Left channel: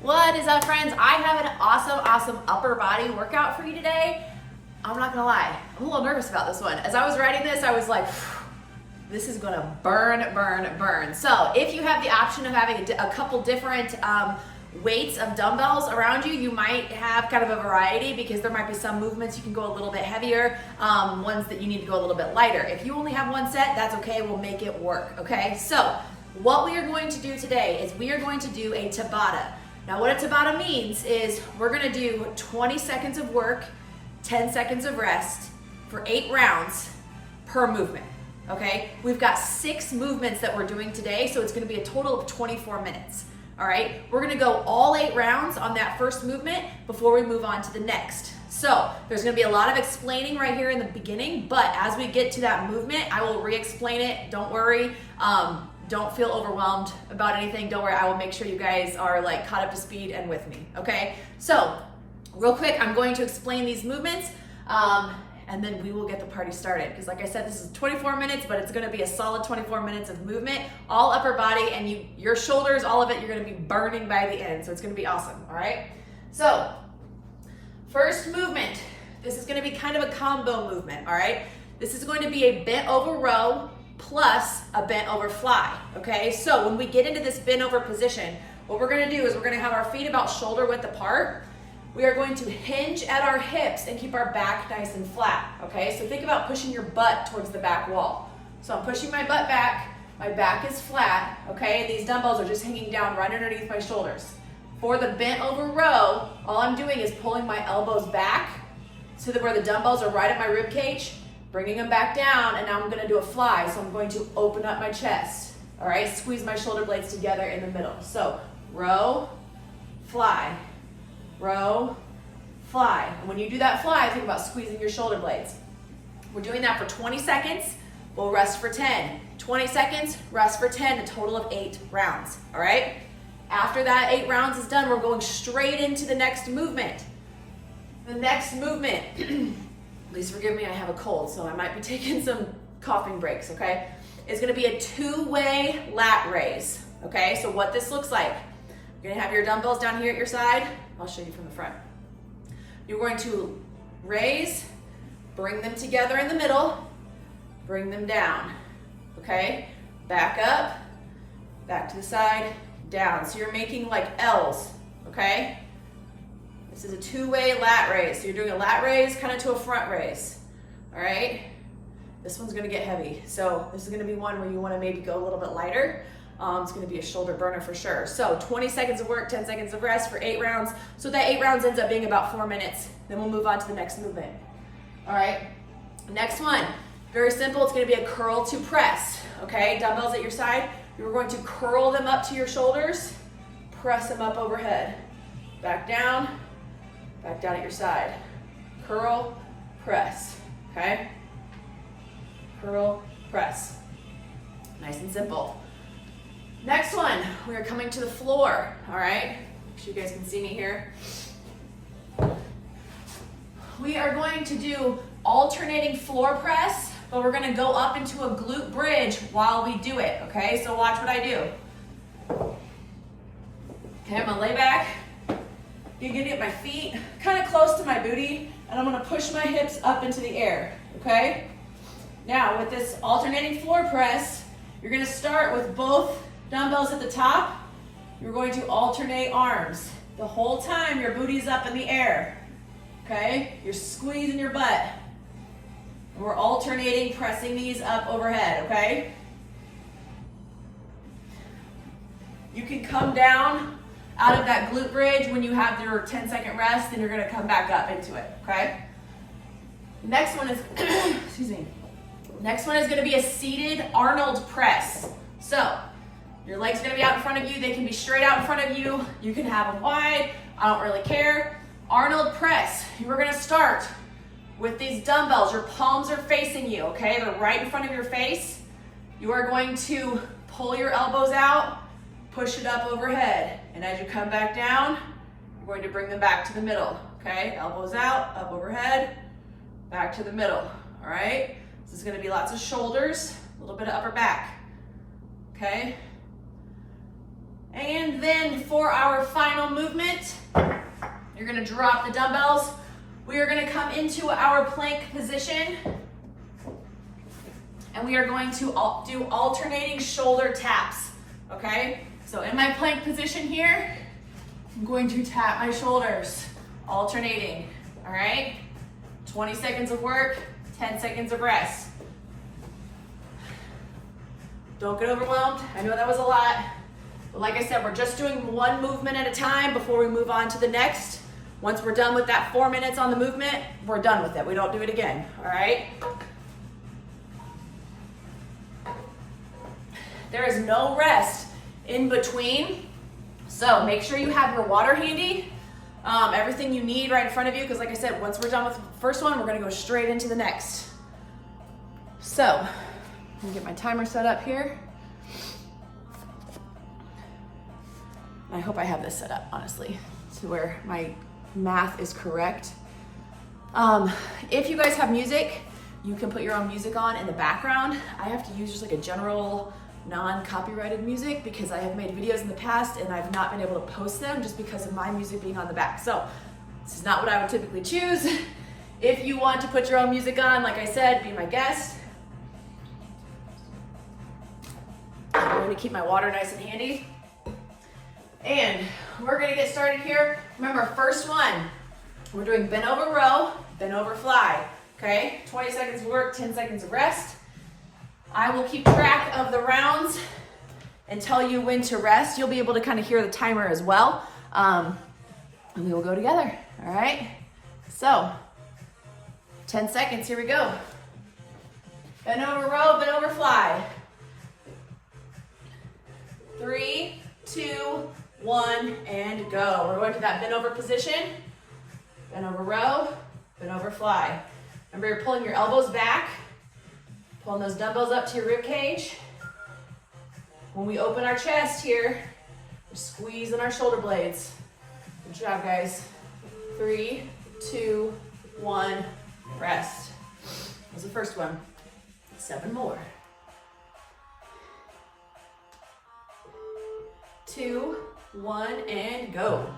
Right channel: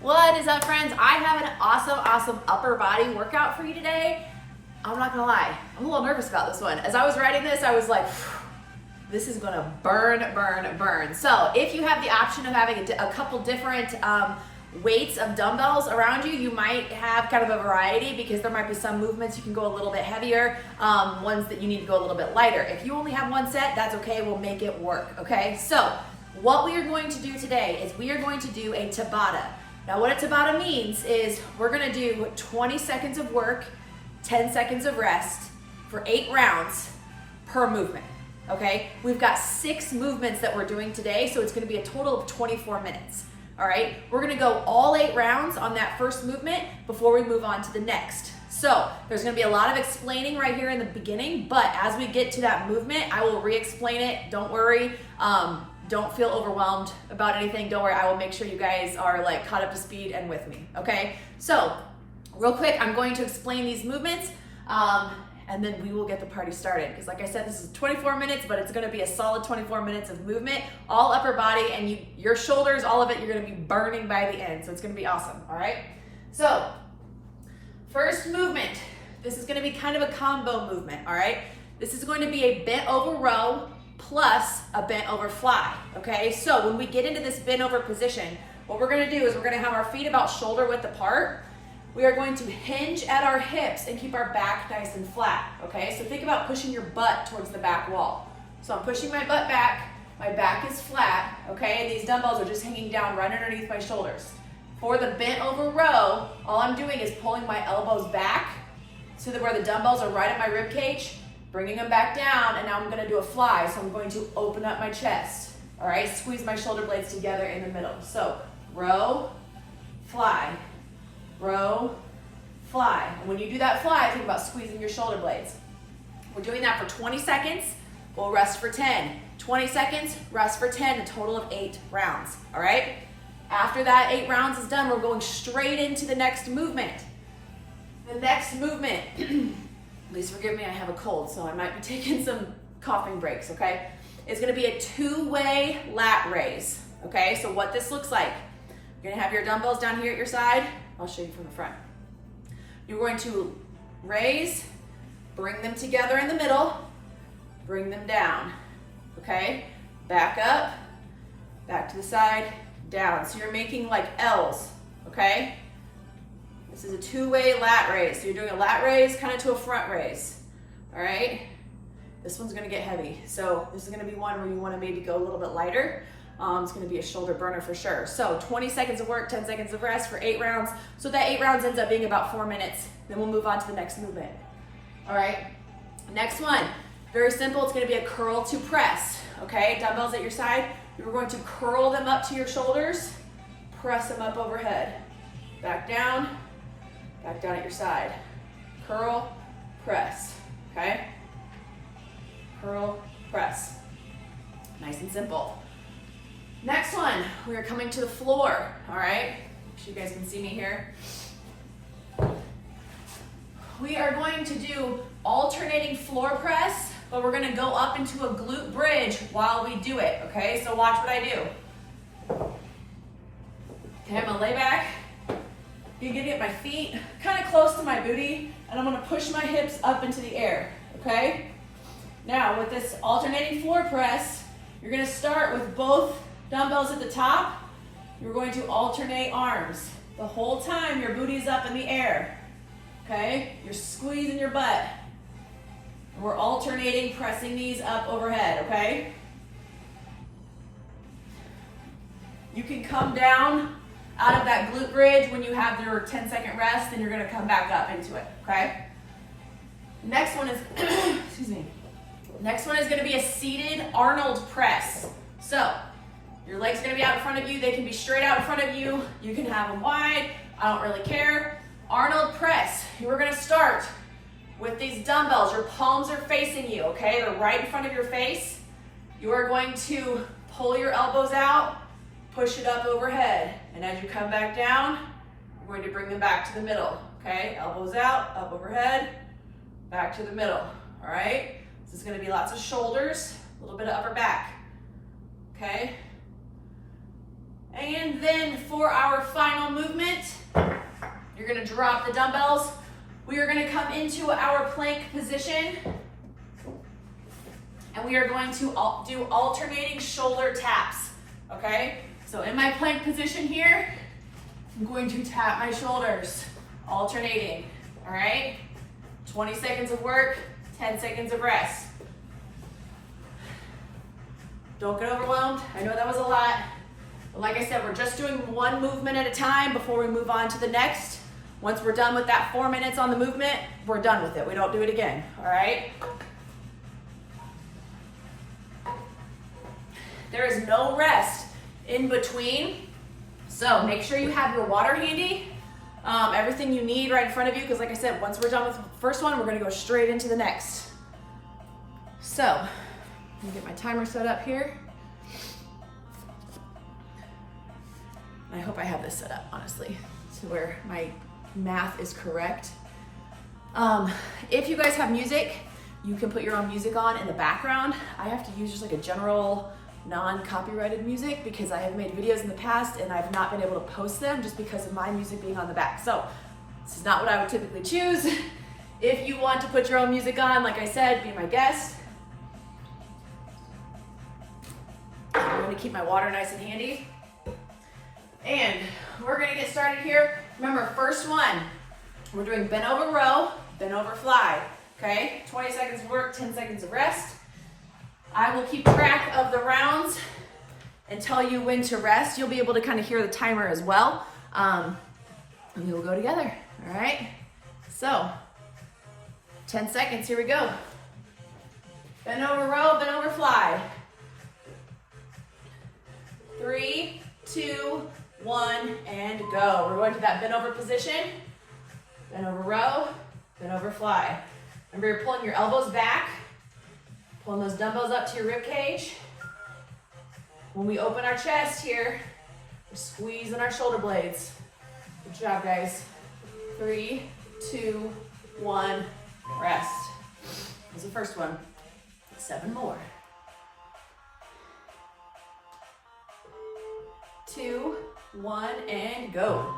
What is up, friends? I have an awesome upper body workout for you today. I'm not gonna lie, I'm a little nervous about this one. As I was writing this, I was like, this is gonna burn. So if you have the option of having a couple different weights of dumbbells around you, you might have kind of a variety because there might be some movements you can go a little bit heavier, ones that you need to go a little bit lighter. If you only have one set, that's okay, we'll make it work, okay? So what we are going to do today is we are going to do a Tabata. Now what a Tabata means is we're gonna do 20 seconds of work, 10 seconds of rest for 8 rounds per movement, okay? We've got 6 movements that we're doing today, so it's gonna be a total of 24 minutes, all right? We're gonna go all 8 rounds on that first movement before we move on to the next. So there's gonna be a lot of explaining right here in the beginning, but as we get to that movement, I will re-explain it, don't worry. Don't feel overwhelmed about anything. Don't worry, I will make sure you guys are like caught up to speed and with me, okay? So real quick, I'm going to explain these movements and then we will get the party started. Because like I said, this is 24 minutes, but it's gonna be a solid 24 minutes of movement, all upper body, and your shoulders, all of it, you're gonna be burning by the end. So it's gonna be awesome, all right? So first movement, this is gonna be kind of a combo movement, all right? This is going to be a bent over row plus a bent over fly, okay? So when we get into this bent over position, what we're gonna do is we're gonna have our feet about shoulder width apart. We are going to hinge at our hips and keep our back nice and flat, okay? So think about pushing your butt towards the back wall. So I'm pushing my butt back, my back is flat, okay? And these dumbbells are just hanging down right underneath my shoulders. For the bent over row, all I'm doing is pulling my elbows back so that where the dumbbells are right at my rib cage, bringing them back down, and now I'm gonna do a fly. So I'm going to open up my chest, all right? Squeeze my shoulder blades together in the middle. So row, fly, row, fly. And when you do that fly, think about squeezing your shoulder blades. We're doing that for 20 seconds. We'll rest for 10. 20 seconds, rest for 10, a total of 8 rounds, all right? After that 8 rounds is done, we're going straight into the next movement. The next movement, please forgive me, I have a cold, so I might be taking some coughing breaks, okay? It's gonna be a 2-way lat raise, okay? So what this looks like, you're gonna have your dumbbells down here at your side. I'll show you from the front. You're going to raise, bring them together in the middle, bring them down, okay? Back up, back to the side, down. So you're making like L's, okay? This is a 2-way lat raise. So you're doing a lat raise kind of to a front raise, all right? This one's gonna get heavy. So this is gonna be one where you wanna maybe go a little bit lighter. It's gonna be a shoulder burner for sure. So 20 seconds of work, 10 seconds of rest for 8 rounds. So that 8 rounds ends up being about 4 minutes. Then we'll move on to the next movement, all right? Next one, very simple. It's gonna be a curl to press, okay? Dumbbells at your side. You're going to curl them up to your shoulders, press them up overhead. Back down at your side. Curl, press, okay? Curl, press. Nice and simple. Next one, we are coming to the floor, all right? Make sure you guys can see me here. We are going to do alternating floor press, but we're gonna go up into a glute bridge while we do it, okay? So watch what I do. Okay, I'm gonna lay back. You're gonna get my feet kind of close to my booty, and I'm gonna push my hips up into the air, okay? Now, with this alternating floor press, you're gonna start with both dumbbells at the top. You're going to alternate arms. The whole time, your booty's up in the air, okay? You're squeezing your butt. And we're alternating, pressing these up overhead, okay? You can come down out of that glute bridge when you have your 10-second rest, and you're gonna come back up into it, okay? Next one is, excuse me. Next one is gonna be a seated Arnold press. So, your legs are gonna be out in front of you. They can be straight out in front of you. You can have them wide. I don't really care. Arnold press. We're gonna start with these dumbbells. Your palms are facing you, okay? They're right in front of your face. You are going to pull your elbows out, push it up overhead. And as you come back down, you're going to bring them back to the middle, okay? Elbows out, up overhead, back to the middle, all right? This is gonna be lots of shoulders, a little bit of upper back, okay? And then for our final movement, you're gonna drop the dumbbells. We are gonna come into our plank position, and we are going to do alternating shoulder taps, okay? So in my plank position here, I'm going to tap my shoulders, alternating, all right? 20 seconds of work, 10 seconds of rest. Don't get overwhelmed. I know that was a lot, but like I said, we're just doing one movement at a time before we move on to the next. Once we're done with that 4 minutes on the movement, we're done with it. We don't do it again, all right? There is no rest in between, so make sure you have your water handy, everything you need right in front of you, because like I said, once we're done with the first one, we're gonna go straight into the next. So, let me get my timer set up here. I hope I have this set up, honestly, to where my math is correct. If you guys have music, you can put your own music on in the background. I have to use just like a general non-copyrighted music because I have made videos in the past and I've not been able to post them just because of my music being on the back. So this is not what I would typically choose. If you want to put your own music on, like I said, be my guest. I'm going to keep my water nice and handy. And we're going to get started here. Remember, first one, we're doing bent over row, bent over fly. Okay, 20 seconds of work, 10 seconds of rest. I will keep track of the rounds and tell you when to rest. You'll be able to kind of hear the timer as well. And we will go together, all right? So, 10 seconds, here we go. Bend over row, bend over fly. 3, 2, 1, and go. We're going to that bend over position. Bend over row, bend over fly. Remember, you're pulling your elbows back. Pulling those dumbbells up to your rib cage. When we open our chest here, we're squeezing our shoulder blades. Good job, guys. 3, 2, 1, rest. That was the first one. 7 more. 2, 1, and go.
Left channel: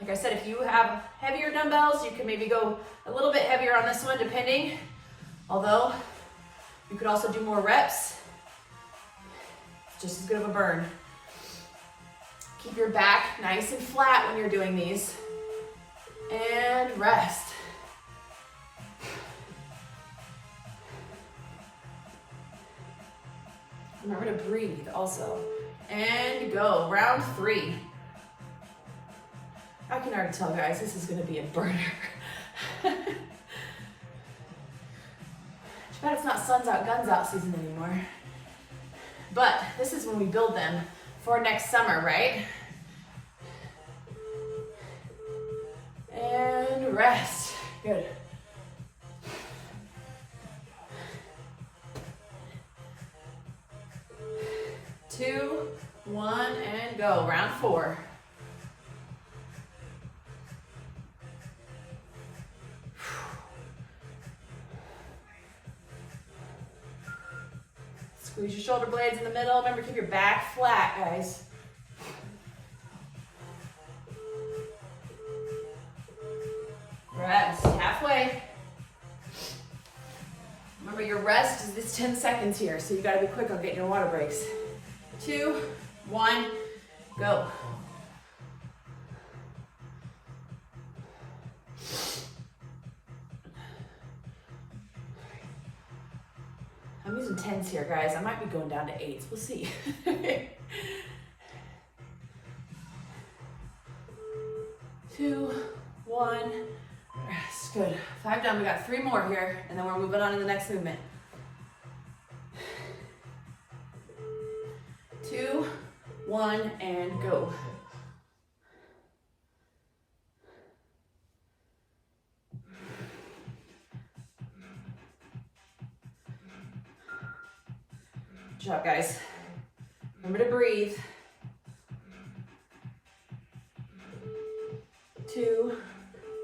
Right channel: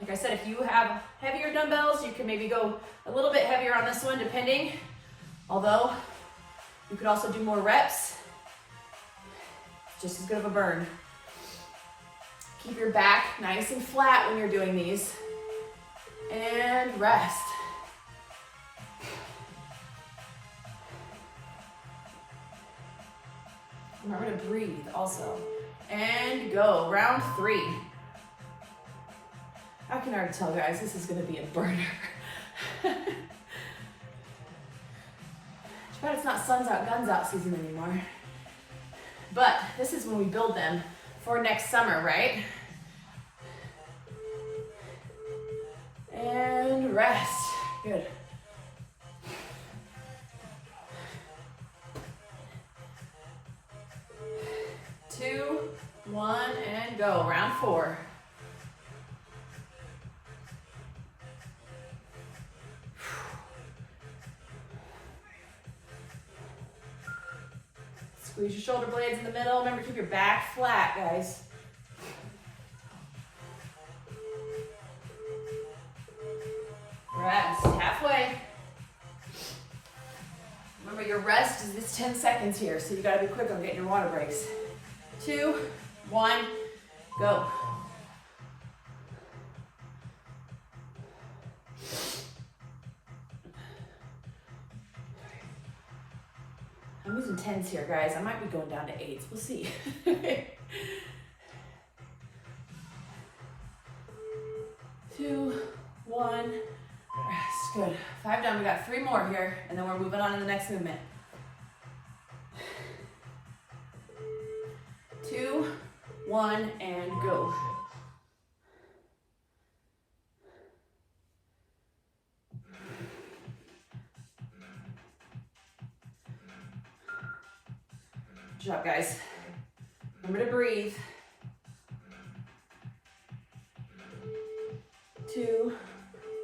Like I said, if you have heavier dumbbells, you can maybe go a little bit heavier on this one, depending. Although, you could also do more reps. Just as good of a burn. Keep your back nice and flat when you're doing these. And rest. Remember to breathe also. And go, round 3. I can already tell, guys, this is gonna be a burner. Too bad it's not suns out, guns out season anymore. But this is when we build them for next summer, right? And rest, good. Two, 1, and go, round 4. Squeeze your shoulder blades in the middle. Remember, keep your back flat, guys. Rest, halfway. Remember, your rest is this 10 seconds here, so you gotta be quick on getting your water breaks. 2, 1, go. I'm using 10s here, guys. I might be going down to 8s. We'll see. 2, 1, rest. Good. 5 done. We got 3 more here, and then we're moving on to the next movement. 2, 1, and go. Good job, guys. Remember to breathe. 2,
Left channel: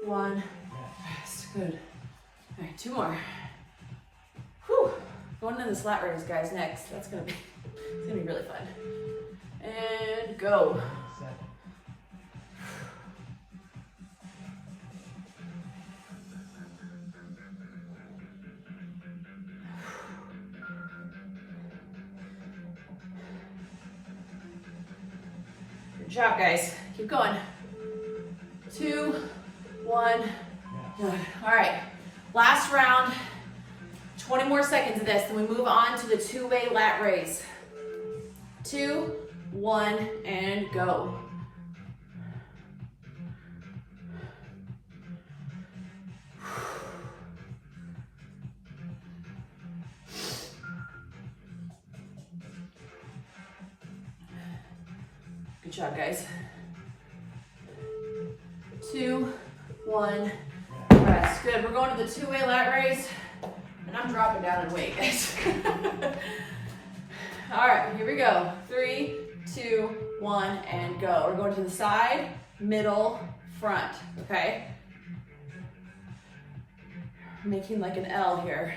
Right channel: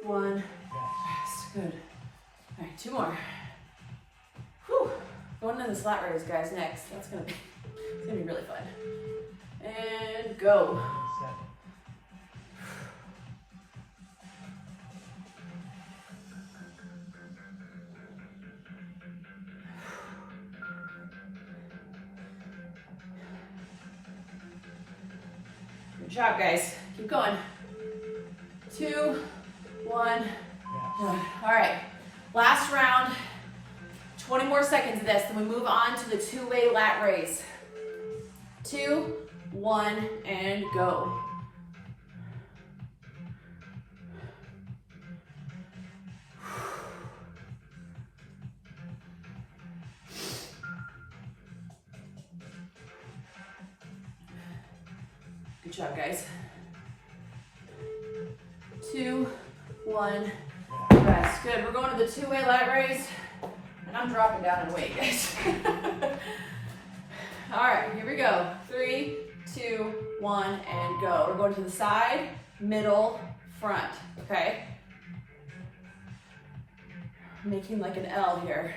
1, rest. Good. All right, 2 more. Whew. Going into the slat raise, guys, next. That's gonna be It's gonna be really fun. And go. Good job, guys. Keep going. 2, 1, good. All right, last round. 20 more seconds of this, then we move on to the two-way lat raise. 2, 1, and go. Good job, guys. 2, 1, rest. Good, we're going to the two-way lat raise. And I'm dropping down in weight, guys. All right, here we go. 3, 2, 1, and go. We're going to the side, middle, front, okay? Making like an L here.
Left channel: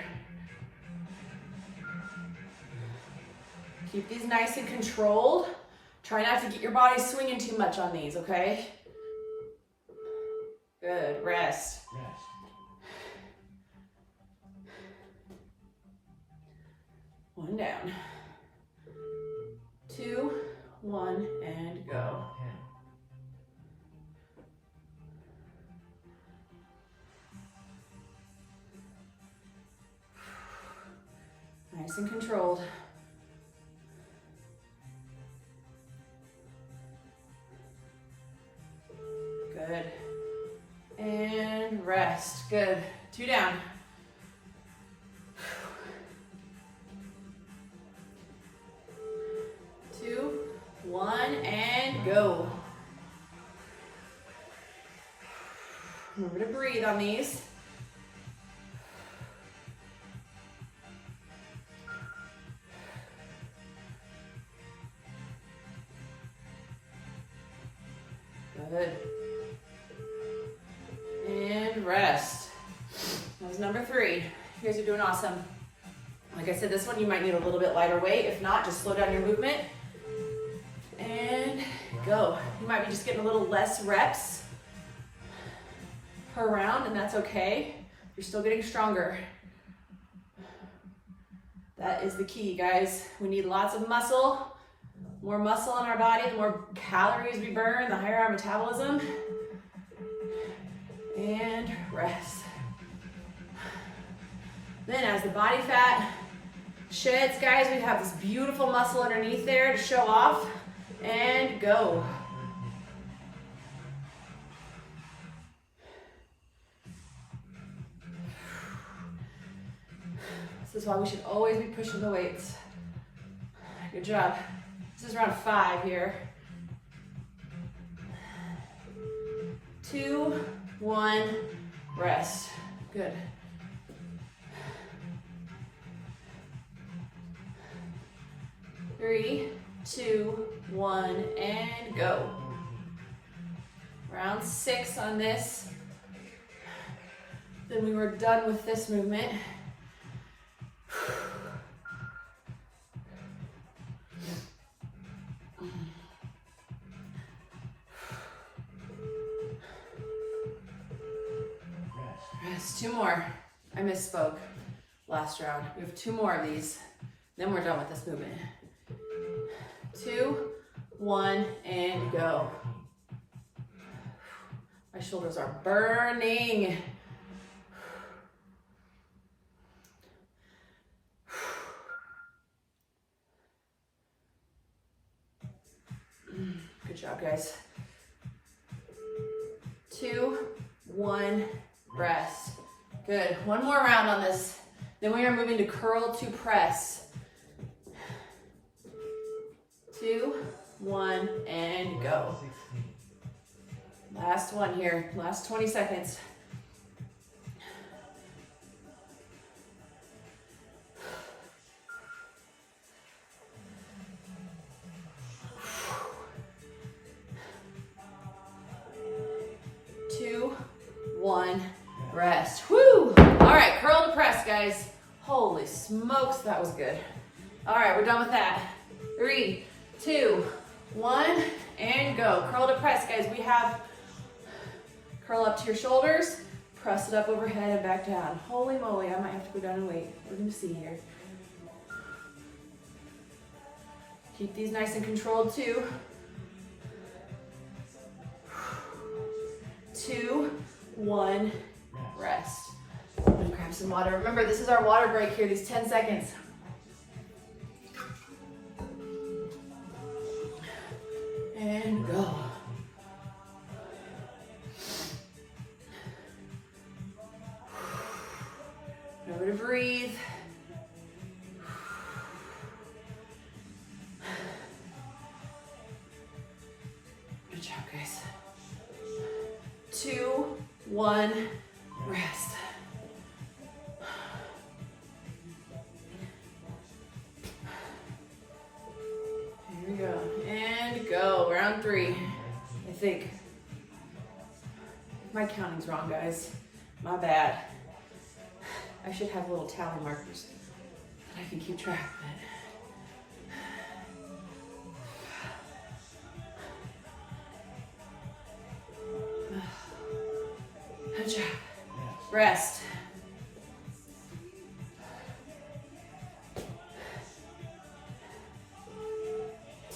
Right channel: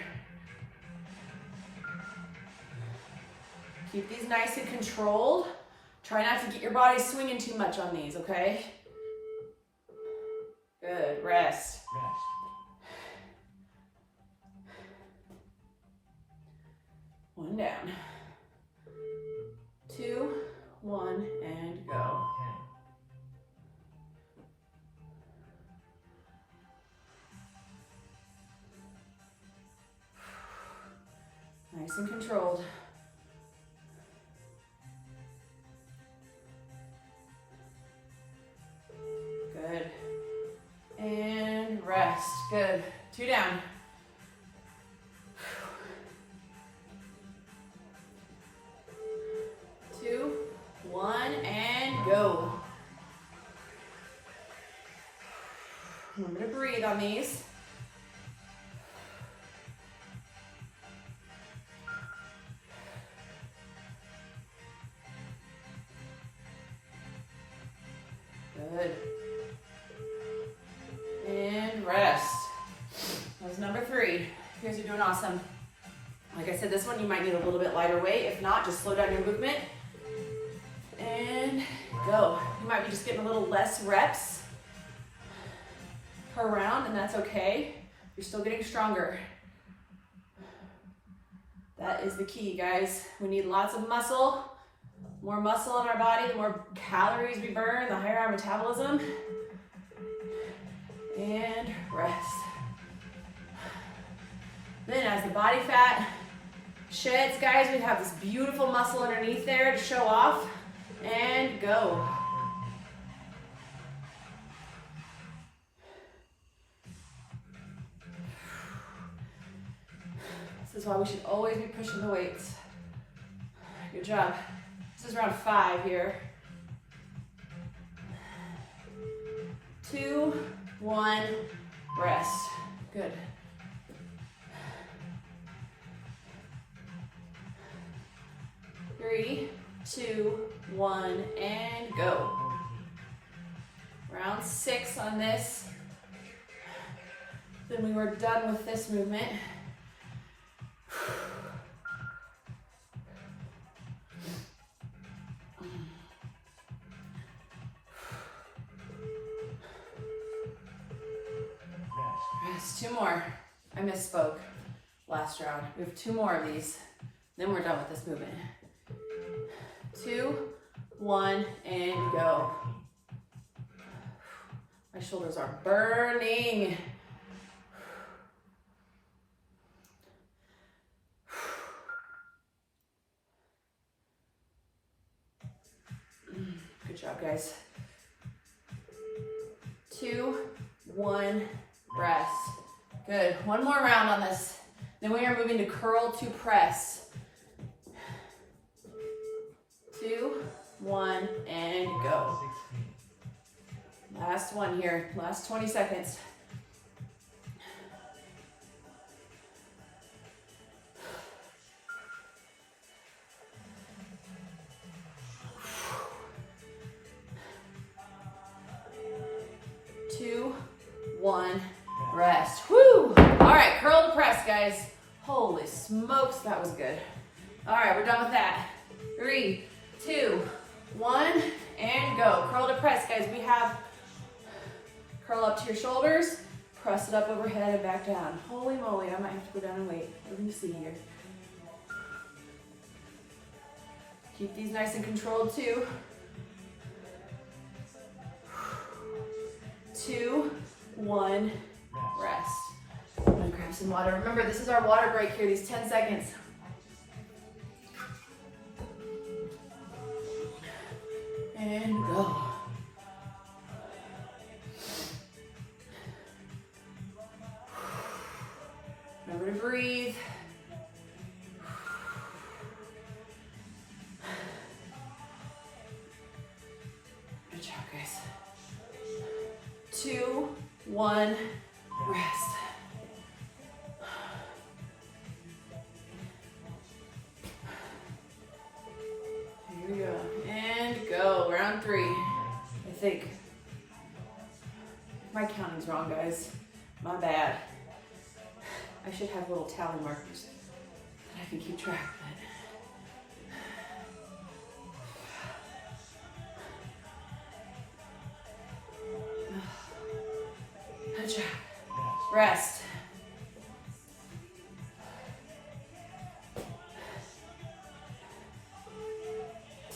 Keep these nice and controlled. Try not to get your body swinging too much on these, okay? Good, rest. One down. 2, 1, and go. Nice and controlled. Good. And rest. Good. 2 down. 2, 1, and go. Remember to breathe on these. Good. And rest. That was number 3. You guys are doing awesome. Like I said, this one you might need a little bit lighter weight. If not, just slow down your movement. And go. You might be just getting a little less reps per round, and that's okay. You're still getting stronger. That is the key, guys. We need lots of muscle. More muscle in our body, the more calories we burn, the higher our metabolism. And rest. Then as the body fat sheds, guys, we have this beautiful muscle underneath there to show off. And go. This is why we should always be pushing the weights. Good job. This is round 5 here. 2, 1, rest. Good. 3, 2, 1, and go. Round 6 on this. Then we were done with this movement. Rest. 2 more. I misspoke last round. We have 2 more of these. Then we're done with this movement. 2, 1, and go. My shoulders are burning. Good job, guys. 2, 1, rest. Good. 1 more round on this. Then we are moving to curl to press. 2, 1, and go. Last one here. Last 20 seconds. Two, 1, rest. Woo! All right, curl to press, guys. Holy smokes, that was good. All right, we're done with that. 3, 2, 1, and go. Curl to press, guys. We have curl up to your shoulders, press it up overhead and back down. Holy moly, I might have to go down and wait. We're gonna see here. Keep these nice and controlled too. 2, 1, rest. I'm gonna grab some water. Remember, this is our water break here, these 10 seconds. And go. Remember to breathe. Good job, guys. 2, 1, rest. Here we go. And go. Round 3. I think. If my counting's wrong, guys, my bad. I should have little tally markers that I can keep track of it. Good job. Rest.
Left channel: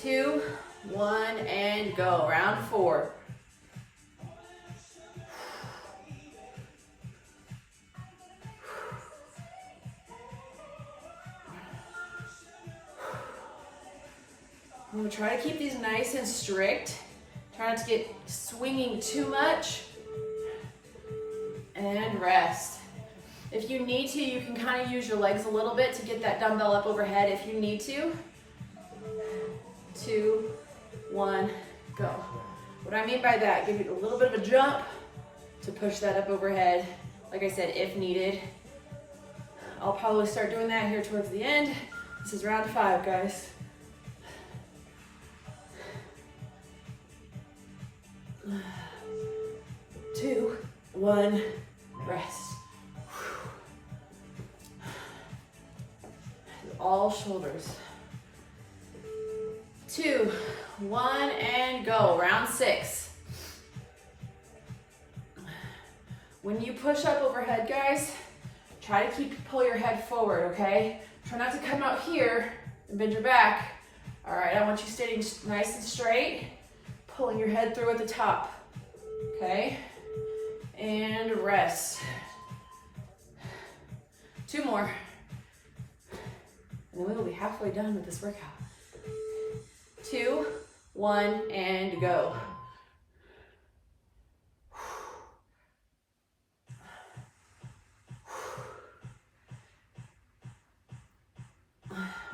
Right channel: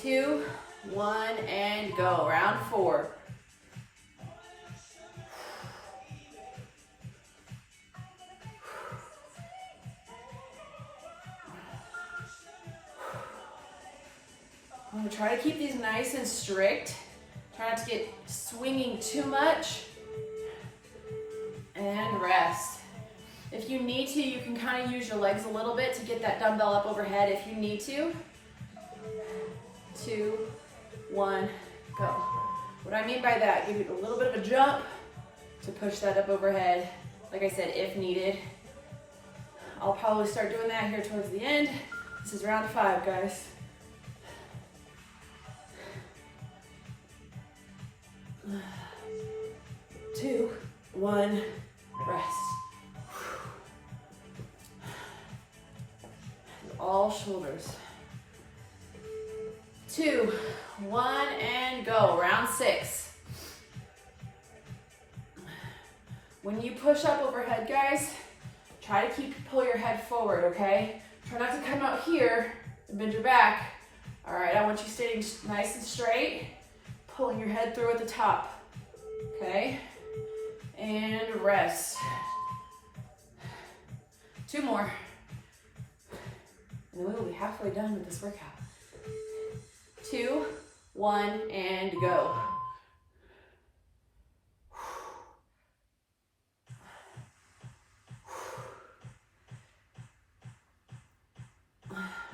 Two, 1, and go. Round 4. I'm gonna try to keep these nice and strict. Try not to get swinging too much. And rest. If you need to, you can kind of use your legs a little bit to get that dumbbell up overhead if you need to. 2, 1, go. What I mean by that, give it a little bit of a jump to push that up overhead. Like I said, if needed. I'll probably start doing that here towards the end. This is round 5, guys. Two, 1, rest. All shoulders. 2, 1, and go. Round 6. When you push up overhead, guys, try to pull your head forward, okay? Try not to come out here and bend your back. All right, I want you standing nice and straight, pulling your head through at the top, okay? And rest. 2 more. And then we will be halfway done with this workout. 2, 1, and go.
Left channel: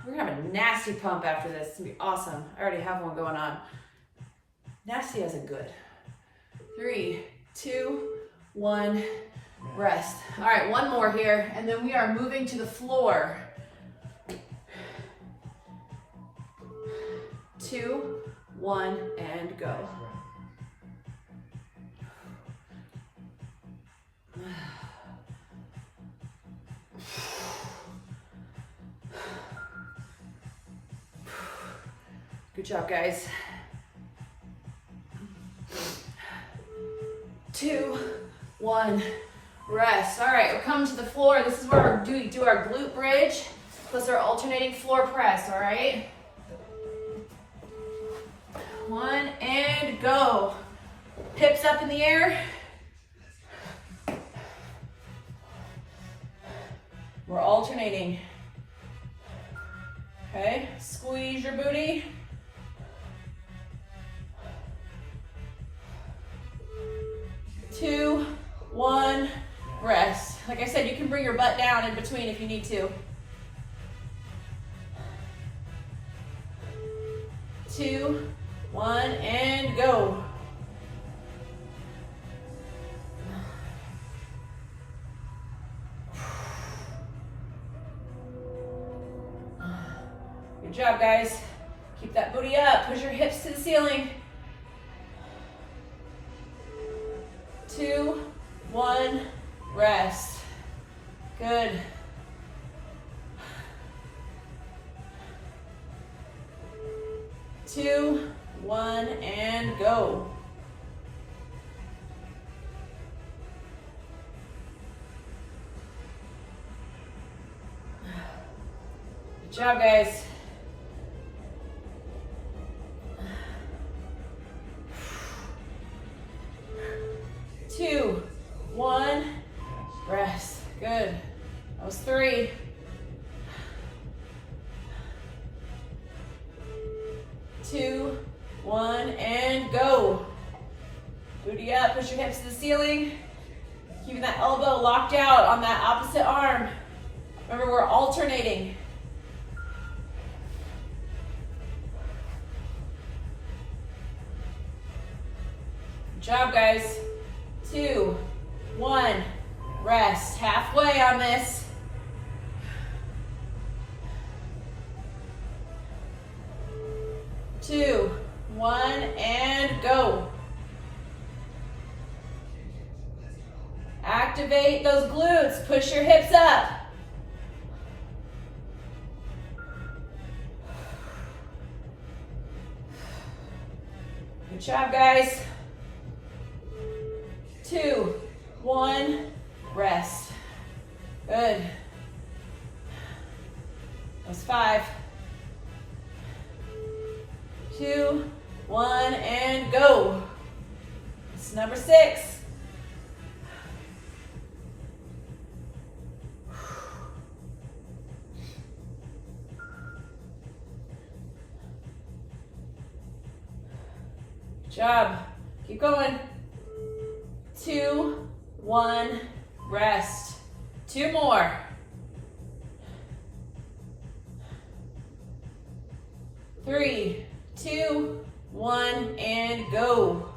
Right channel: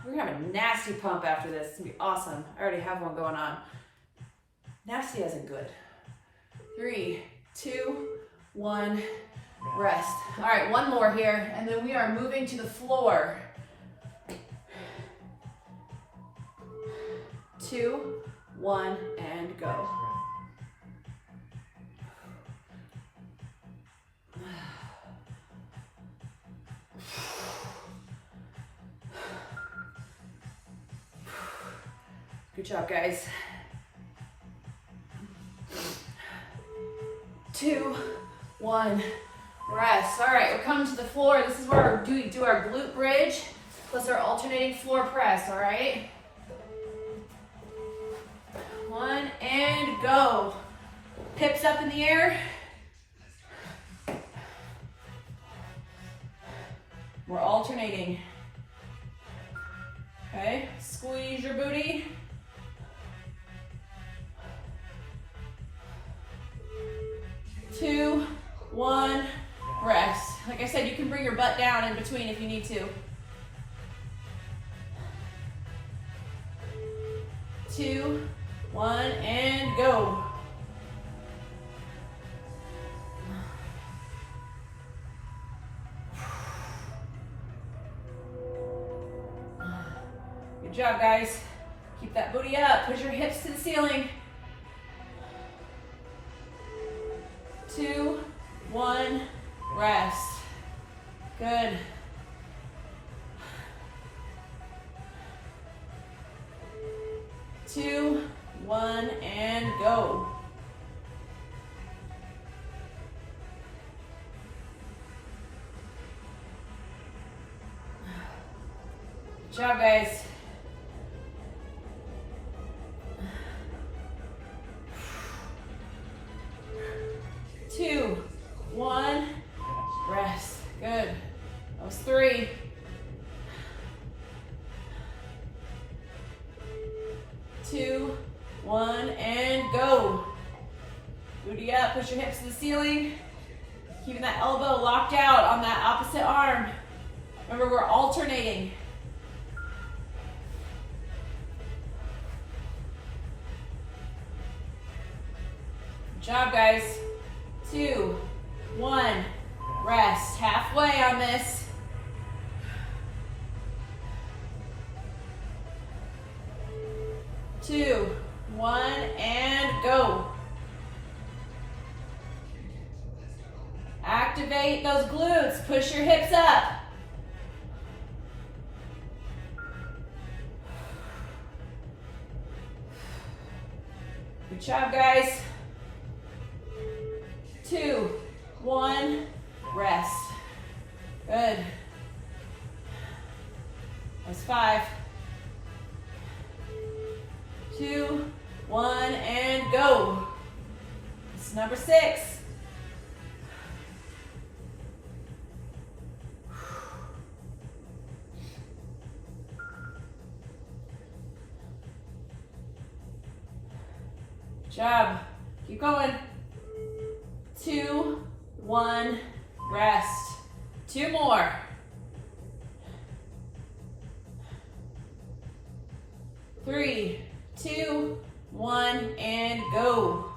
We're gonna have a nasty pump after this. It's gonna be awesome. I already have one going on. Nasty as in good. 3, 2, 1, rest. All right, one more here, and then we are moving to the floor. 2, 1, and go. Good job, guys. 2, 1, rest. All right, we're coming to the floor. This is where we do our glute bridge plus our alternating floor press, all right? 1, and go. Hips up in the air. We're alternating. Okay, squeeze your booty. 2, 1, rest. Like I said, you can bring your butt down in between if you need to. 2, 1, and go. Good job, guys. Keep that booty up. Push your hips to the ceiling. 2, 1, rest. Good. 2, 1, and go. Good job, guys. 2, 1, rest. Good. That was 3. 2, 1, and go. Booty up, push your hips to the ceiling. Keeping that elbow locked out on that opposite arm. Remember, we're alternating. Good job, guys. 2, 1, rest. Halfway on this. 2, 1, and go. Activate those glutes. Push your hips up. Good job, guys. 2, 1, rest. Good. That was 5. 2, 1, and go. This is number 6. Good job. Keep going. 2, 1, rest. 2 more. 3, 2, 1, and go.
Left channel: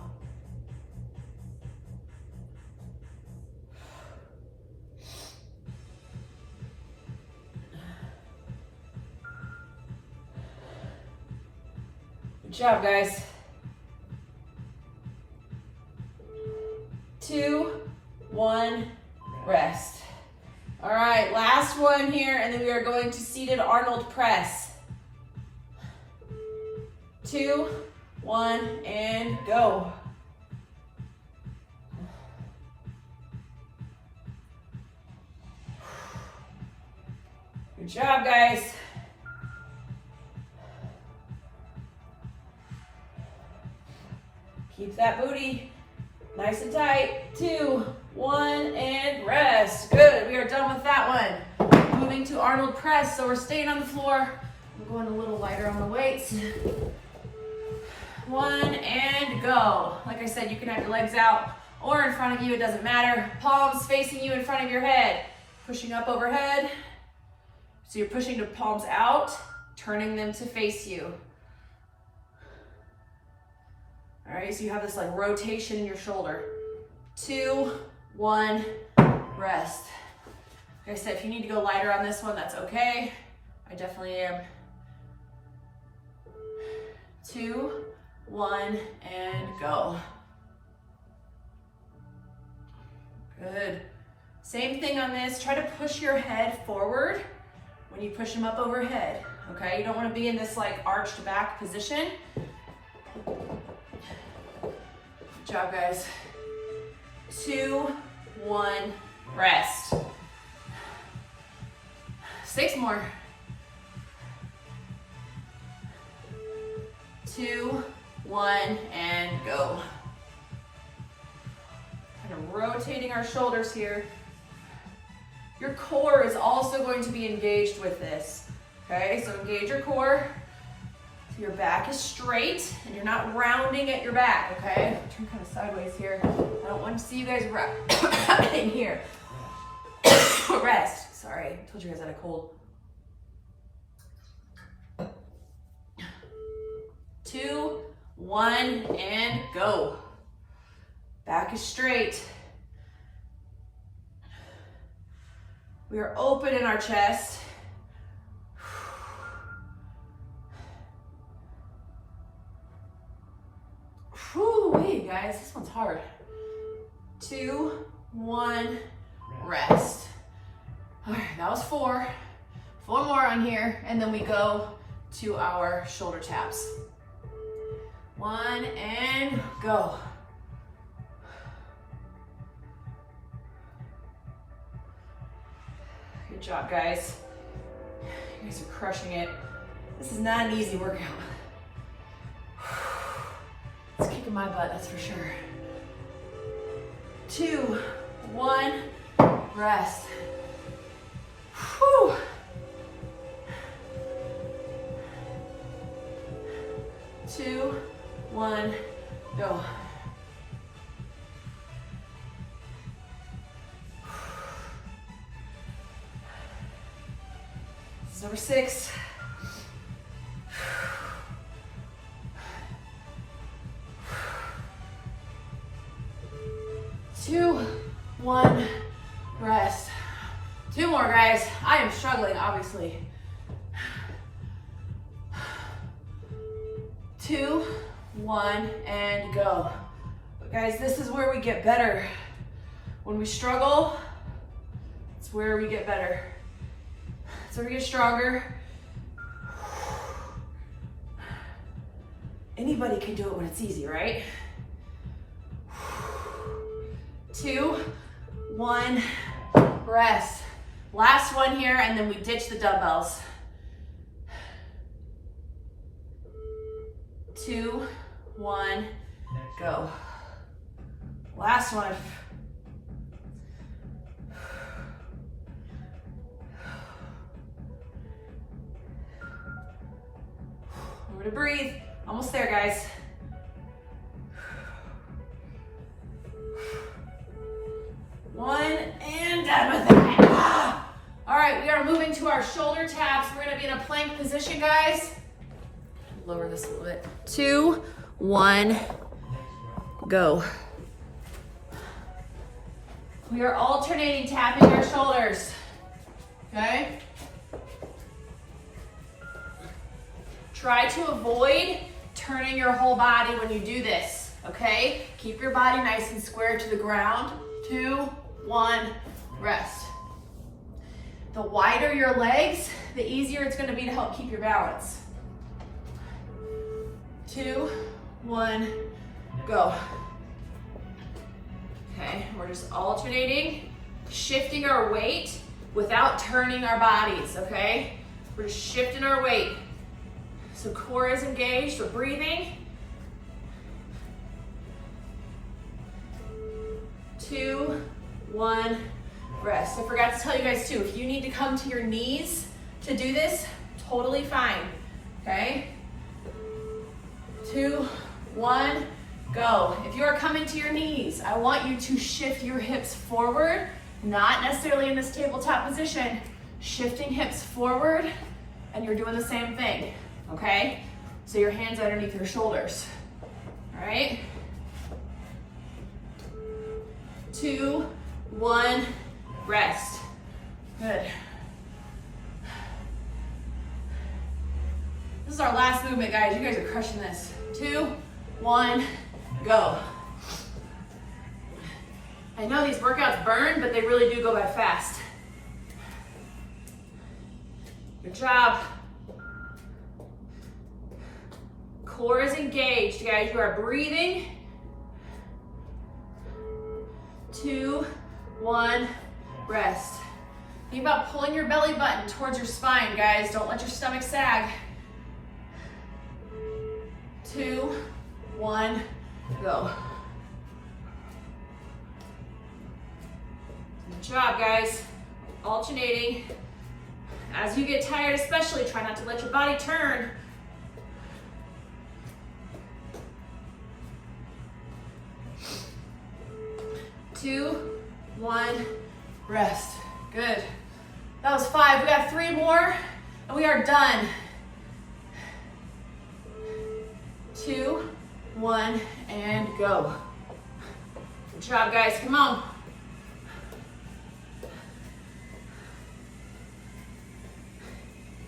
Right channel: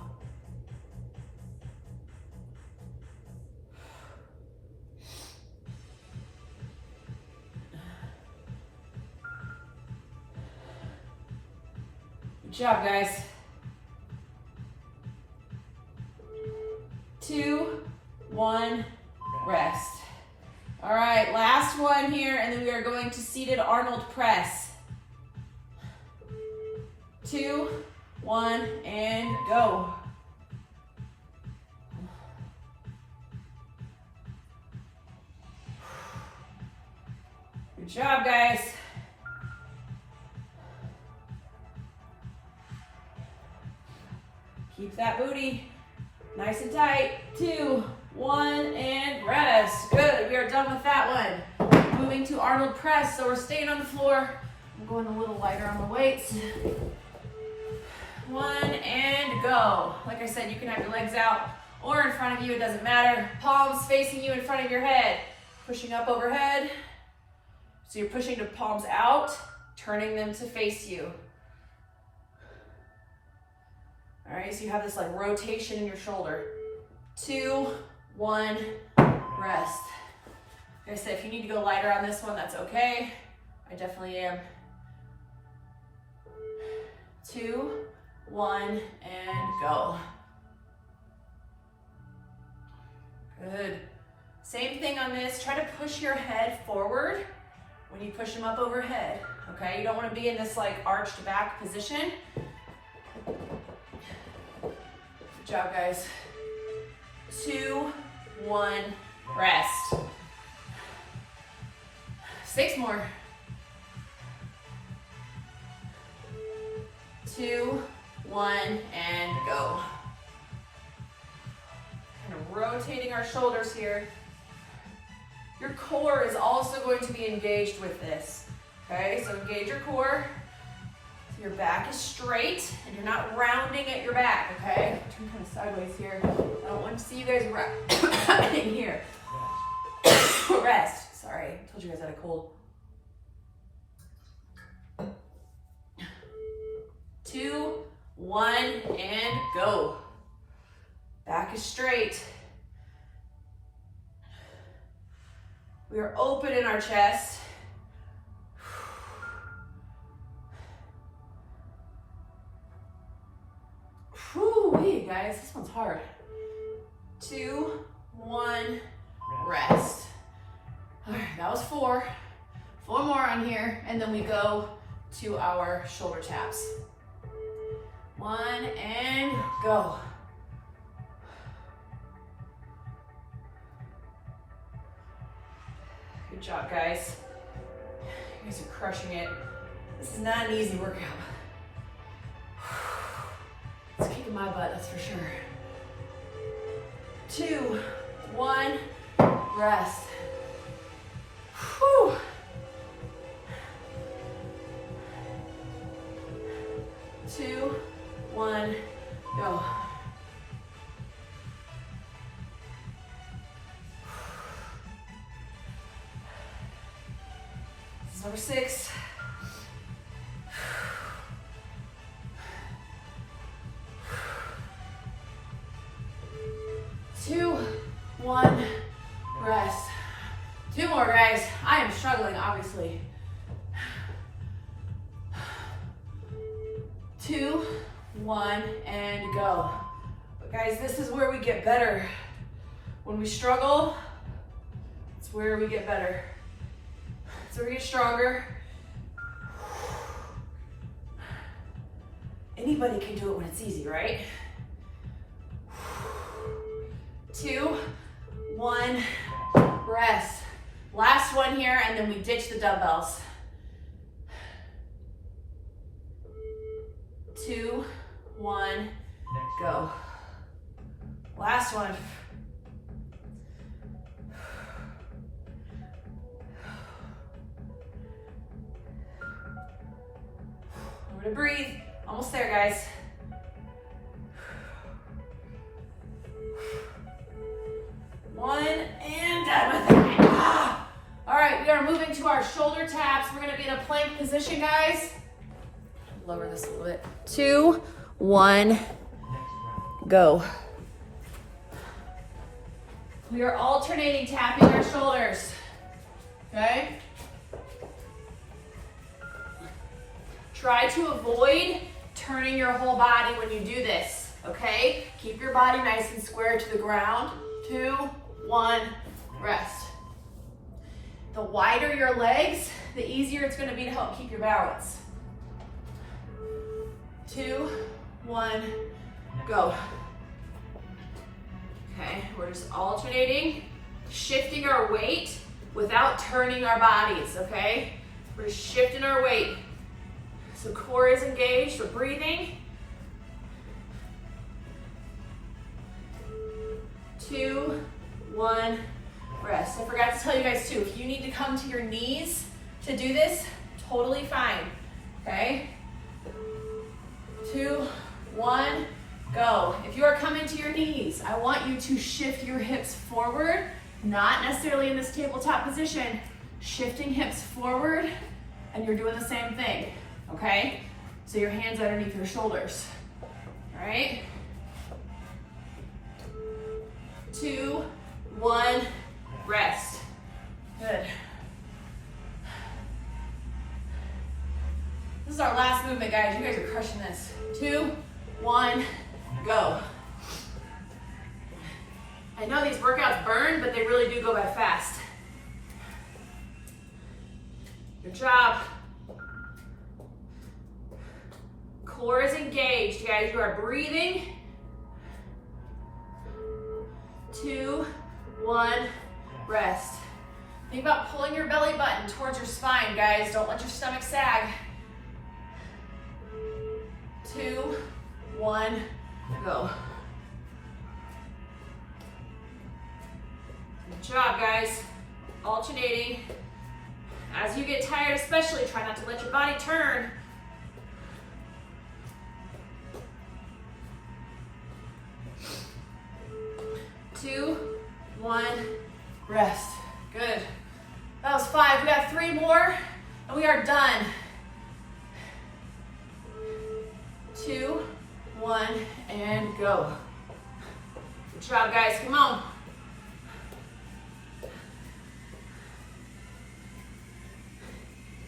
Good job, guys. 2, 1, rest. All right, last one here, and then we are going to seated Arnold press. 2, 1, and go. Good job, guys. Keep that booty nice and tight. 2, 1, and rest. Good, we are done with that one. Moving to Arnold press, so we're staying on the floor. I'm going a little lighter on the weights. 1, and go. Like I said, you can have your legs out or in front of you, it doesn't matter. Palms facing you in front of your head. Pushing up overhead. So you're pushing the palms out, turning them to face you. All right, so you have this like rotation in your shoulder. 2, 1, rest. Like I said, if you need to go lighter on this one, that's okay. I definitely am. 2, 1, and go. Good. Same thing on this. Try to push your head forward when you push them up overhead. Okay, you don't want to be in this like arched back position. Good job, guys. 2, 1, rest. 6 more. 2, 1, and go. Kind of rotating our shoulders here. Your core is also going to be engaged with this. Okay, so engage your core. So your back is straight and you're not rounding at your back, okay? Turn kind of sideways here. I don't want to see you guys in here. Rest. Sorry, I told you guys I had a cold. 2, 1, and go. Back is straight. We are open in our chest. Whew, guys, this one's hard. 2, 1, rest. All right, that was 4. 4 more on here, and then we go to our shoulder taps. 1, and go. Good job, guys. You guys are crushing it. This is not an easy workout. It's kicking my butt, that's for sure. 2, 1, rest. Whew. 2, 1, go. This is number 6. 2, 1, rest. 2 more, guys. I am struggling, obviously. 2, 1, and go. But guys, this is where we get better. When we struggle, it's where we get better. It's where we get stronger. Anybody can do it when it's easy, right? 2, 1, rest. Last one here, and then we ditch the dumbbells. 2, 1, go. Last one. Remember to breathe. Almost there, guys. One, and done with it. All right, we are moving to our shoulder taps. We're gonna be in a plank position, guys. Lower this a little bit. 2, 1, go. We are alternating tapping our shoulders, okay? Try to avoid turning your whole body when you do this, okay? Keep your body nice and square to the ground. 2, 1, rest. The wider your legs, the easier it's gonna be to help keep your balance. 2, 1, go. Okay, we're just alternating, shifting our weight without turning our bodies, okay? We're just shifting our weight. So core is engaged, we're breathing. 2, 1, rest. I forgot to tell you guys too, if you need to come to your knees to do this, totally fine, okay? 2, 1, go. If you are coming to your knees, I want you to shift your hips forward, not necessarily in this tabletop position, shifting hips forward, and you're doing the same thing, okay? So your hands underneath your shoulders, all right? 2, 1, rest. Good. This is our last movement, guys. You guys are crushing this. 2, 1, go. I know these workouts burn, but they really do go by fast. Good job. Core is engaged, guys. You are breathing. 2, 1, rest. Think about pulling your belly button towards your spine, guys. Don't let your stomach sag. 2, 1, go. Good job, guys. Alternating. As you get tired, especially, try not to let your body turn. 2, 1, rest. Good. That was 5. We got 3 more, and we are done. 2, 1, and go. Good job, guys. Come on.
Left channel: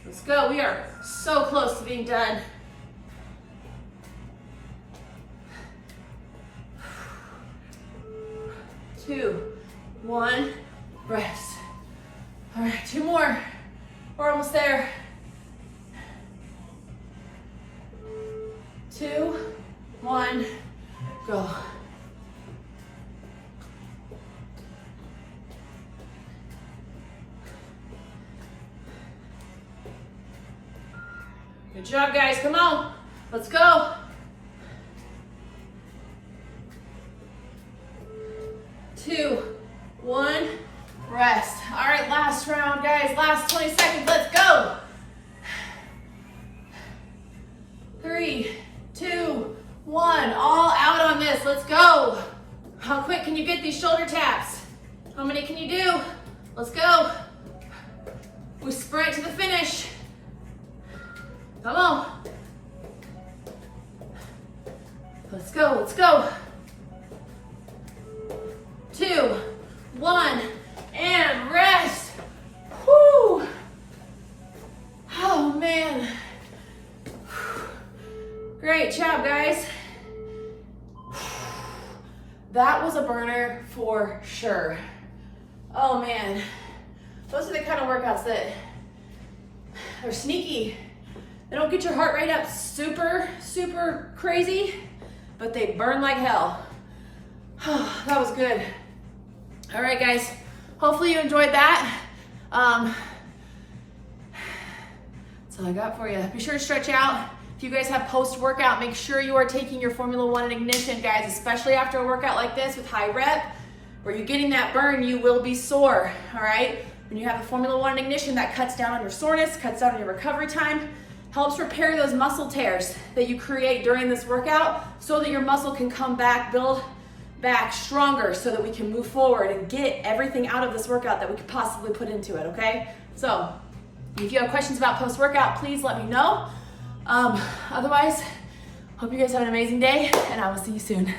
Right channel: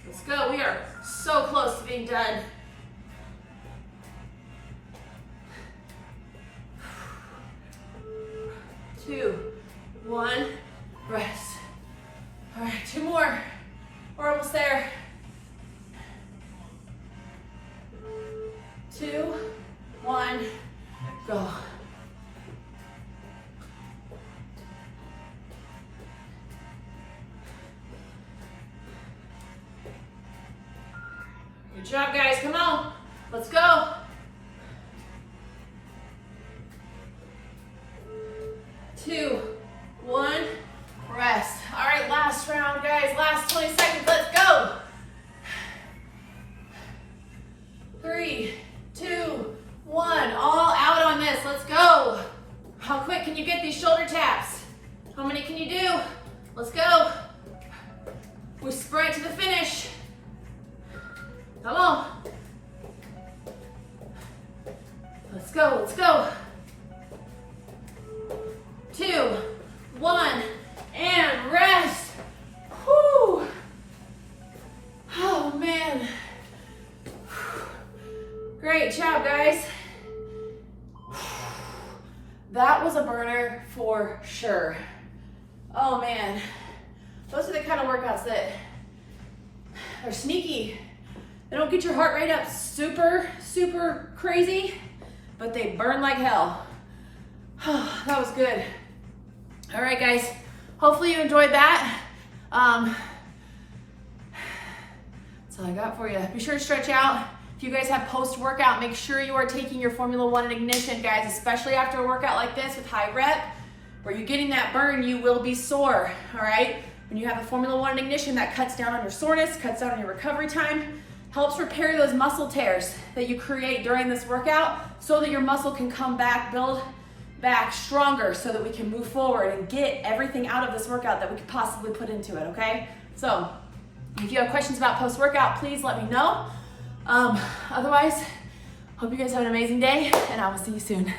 Let's go. We are so close to being done. Two, 1, rest. All right, 2 more. We're almost there. 2, Go. Good job, guys. Come on. Let's go. 2, 1, rest. All right, last round, guys. Last 20 seconds. Let's go. 3, 2, 1. All out on this. Let's go. How quick can you get these shoulder taps? How many can you do? Let's go. We sprint to the finish. Come on. Let's go, let's go. 2, 1, and rest. Whew. Oh man. Great job, guys. That was a burner for sure. Oh man. Those are the kind of workouts that are sneaky. They don't get your heart rate up super, super crazy, but they burn like hell. That was good. All right, guys. Hopefully you enjoyed that. That's all I got for you. Be sure to stretch out. If you guys have post-workout, make sure you are taking your Formula 1 and Ignition, guys, especially after a workout like this with high rep, where you're getting that burn, you will be sore, all right? When you have a Formula 1 and Ignition, that cuts down on your soreness, cuts down on your recovery time, helps repair those muscle tears that you create during this workout so that your muscle can come back, build back stronger so that we can move forward and get everything out of this workout that we could possibly put into it, okay? So if you have questions about post-workout, please let me know. Otherwise, hope you guys have an amazing day and I will see you soon.